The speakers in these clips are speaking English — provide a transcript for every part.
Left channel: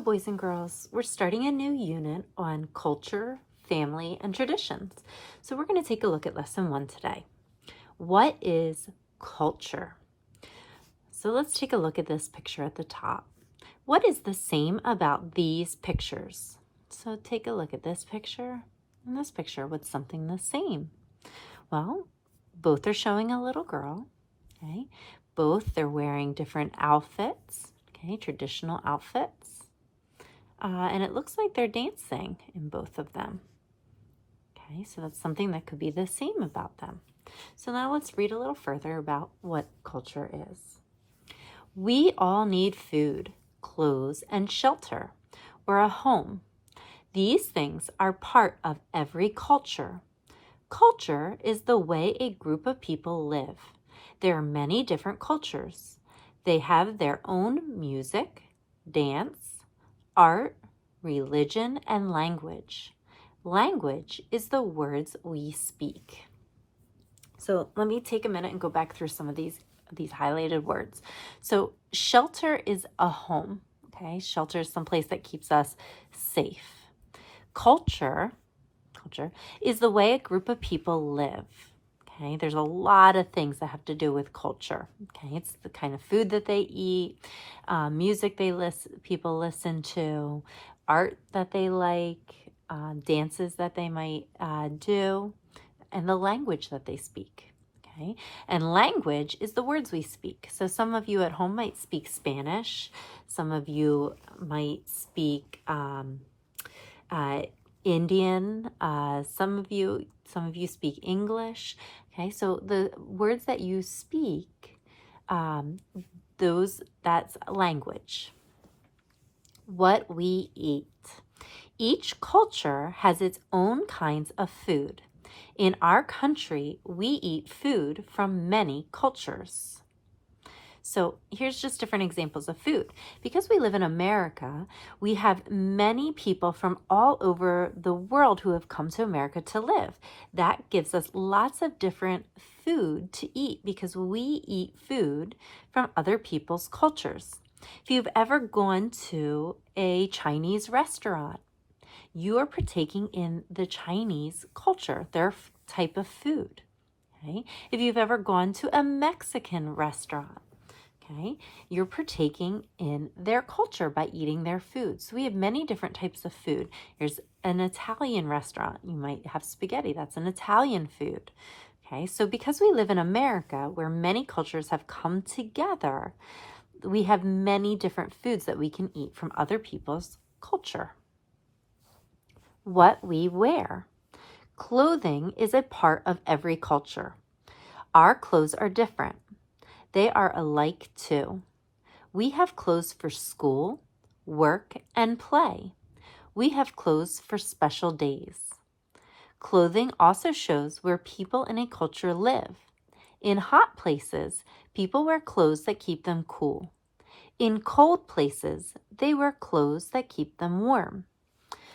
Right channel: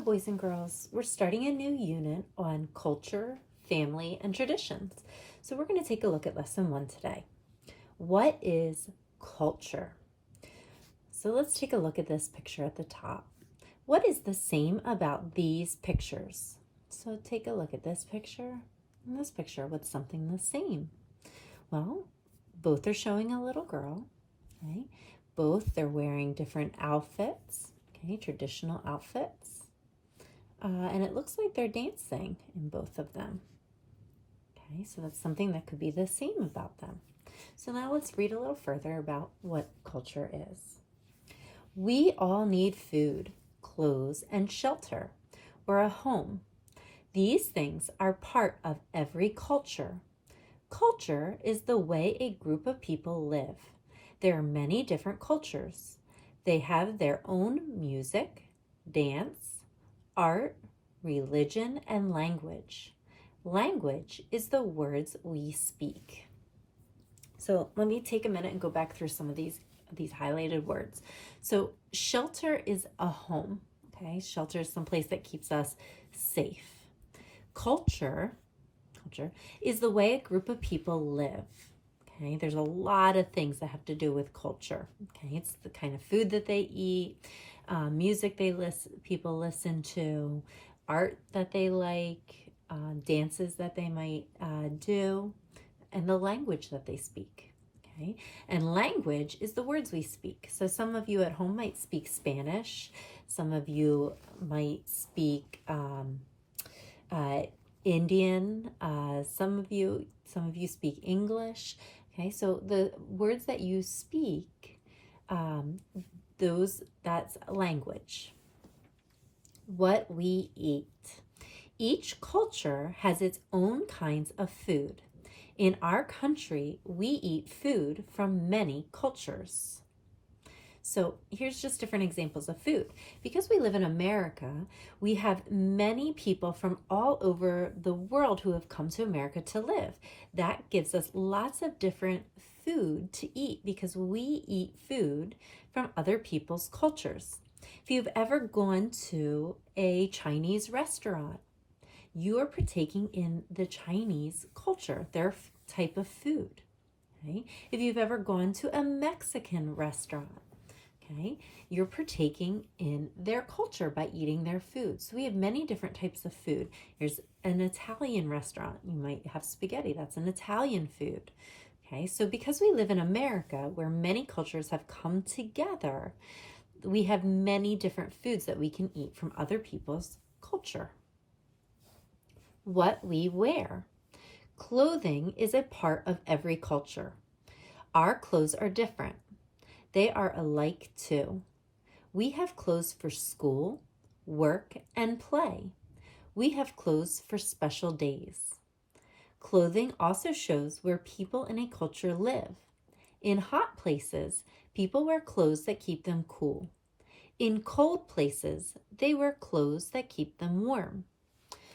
Hello, boys and girls. We're starting a new unit on culture, family, and traditions. So we're going to take a look at lesson 1 today. What is culture? So let's take a look at this picture at the top. What is the same about these pictures? So take a look at this picture and this picture. What's something the same? Well, both are showing a little girl. Okay. Both they're wearing different outfits. Okay, traditional outfits. And it looks like they're dancing in both of them. Okay, so that's something that could be the same about them. So now let's read a little further about what culture is. We all need food, clothes, and shelter, or a home. These things are part of every culture. Culture is the way a group of people live. There are many different cultures. They have their own music, dance, art, religion, and language. Language is the words we speak. So let me take a minute and go back through some of these highlighted words. So shelter is a home. Okay, shelter is someplace that keeps us safe. Culture is the way a group of people live. Okay, there's a lot of things that have to do with culture. Okay, it's the kind of food that they eat, music people listen to, art that they like, dances that they might do, and the language that they speak. Okay, and language is the words we speak. So some of you at home might speak Spanish. Some of you might speak Indian. Some of you speak English. Okay, so the words that you speak, that's language. What we eat. Each culture has its own kinds of food. In our country, we eat food from many cultures. So here's just different examples of food. Because we live in America, we have many people from all over the world who have come to America to live. That gives us lots of different food to eat because we eat food from other people's cultures. If you've ever gone to a Chinese restaurant, you are partaking in the Chinese culture, their type of food. Okay? If you've ever gone to a Mexican restaurant, okay, you're partaking in their culture by eating their food. So we have many different types of food. There's an Italian restaurant. You might have spaghetti. That's an Italian food. Okay, so because we live in America, where many cultures have come together, we have many different foods that we can eat from other people's culture. What we wear. Clothing is a part of every culture. Our clothes are different. They are alike too. We have clothes for school, work, and play. We have clothes for special days. Clothing also shows where people in a culture live. In hot places, people wear clothes that keep them cool. In cold places, they wear clothes that keep them warm.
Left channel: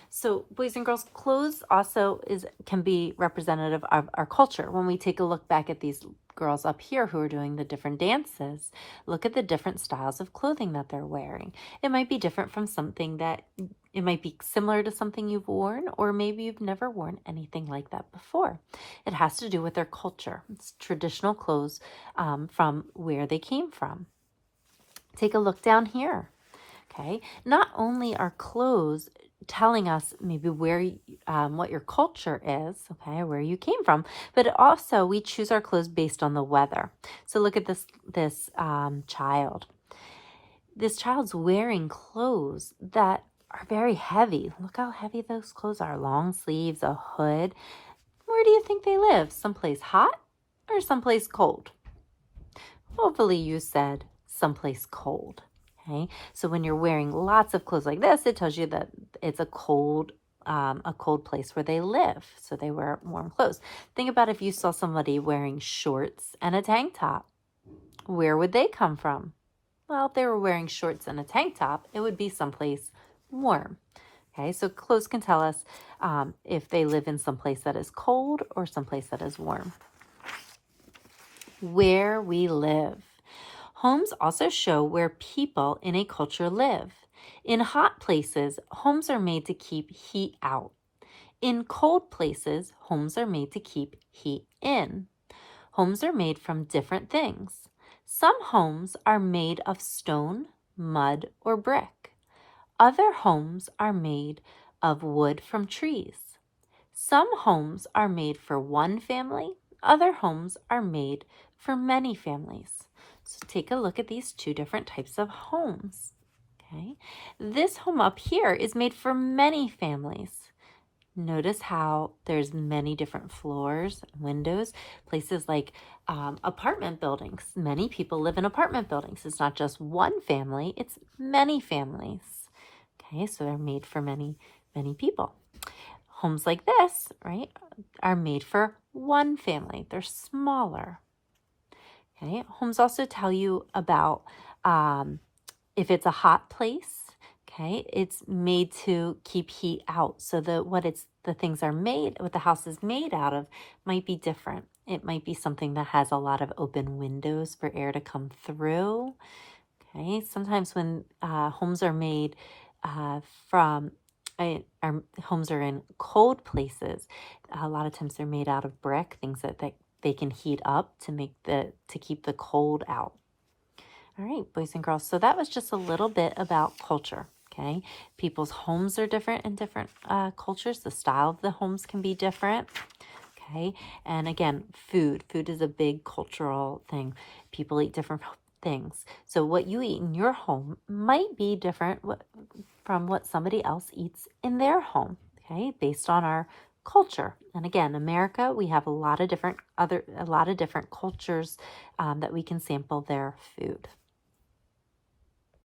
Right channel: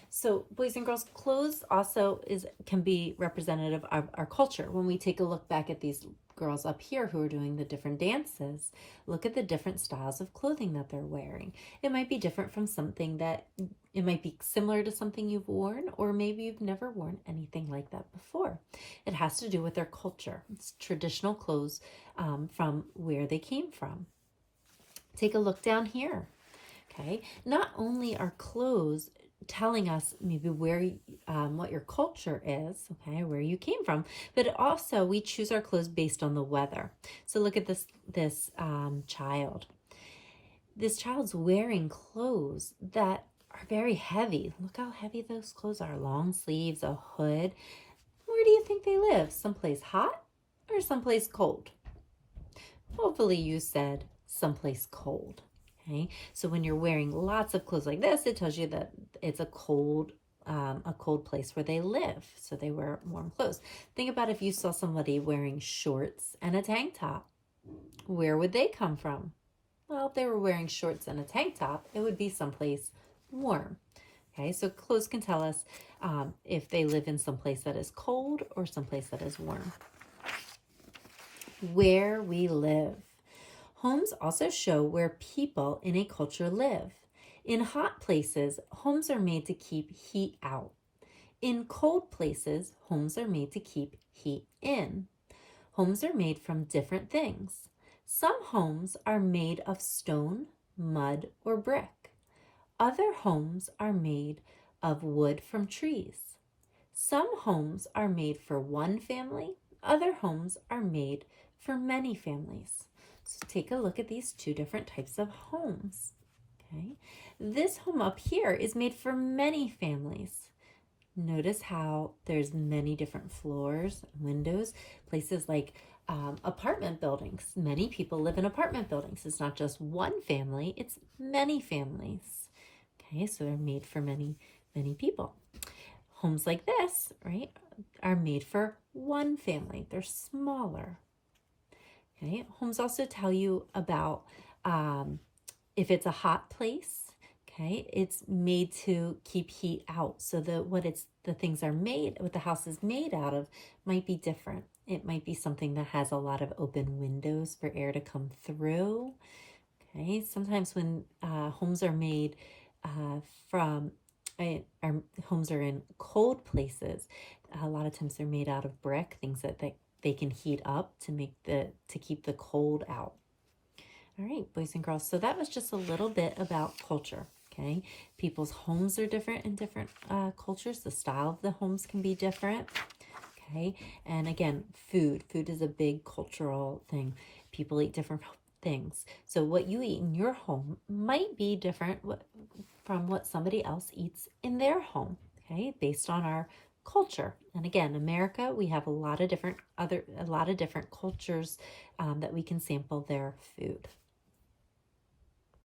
So boys and girls, clothes also can be representative of our culture. When we take a look back at these girls up here who are doing the different dances, look at the different styles of clothing that they're wearing. It might be different from it might be similar to something you've worn, or maybe you've never worn anything like that before. It has to do with their culture. It's traditional clothes from where they came from. Take a look down here. Okay, not only are clothes telling us maybe where what your culture is, okay, where you came from, but also we choose our clothes based on the weather. So look at this child. This child's wearing clothes that are very heavy. Look how heavy those clothes are. Long sleeves, a hood. Where do you think they live? Someplace hot or someplace cold? Hopefully you said someplace cold. Okay, so when you're wearing lots of clothes like this, it tells you that it's a cold place where they live. So they wear warm clothes. Think about if you saw somebody wearing shorts and a tank top. Where would they come from? Well, if they were wearing shorts and a tank top, it would be someplace warm. Okay, so clothes can tell us if they live in someplace that is cold or someplace that is warm. Where we live. Homes also show where people in a culture live. In hot places, homes are made to keep heat out. In cold places, homes are made to keep heat in. Homes are made from different things. Some homes are made of stone, mud, or brick. Other homes are made of wood from trees. Some homes are made for one family. Other homes are made for many families. So take a look at these two different types of homes. Okay, this home up here is made for many families. Notice how there's many different floors, windows, places like apartment buildings. Many people live in apartment buildings. It's not just one family, it's many families. Okay, so they're made for many, many people. Homes like this, right, are made for one family. They're smaller. Okay, homes also tell you about if it's a hot place. Okay, it's made to keep heat out. So what the house is made out of might be different. It might be something that has a lot of open windows for air to come through. Okay, sometimes when homes are made from our homes are in cold places, a lot of times they're made out of brick, things that they can heat up to keep the cold out. All right, boys and girls, so that was just a little bit about culture. Okay, people's homes are different in different cultures. The style of the homes can be different. Okay, and again, food is a big cultural thing. People eat different things. So what you eat in your home might be different from what somebody else eats in their home, okay, based on our culture. And again, America, we have a lot of different cultures that we can sample their food.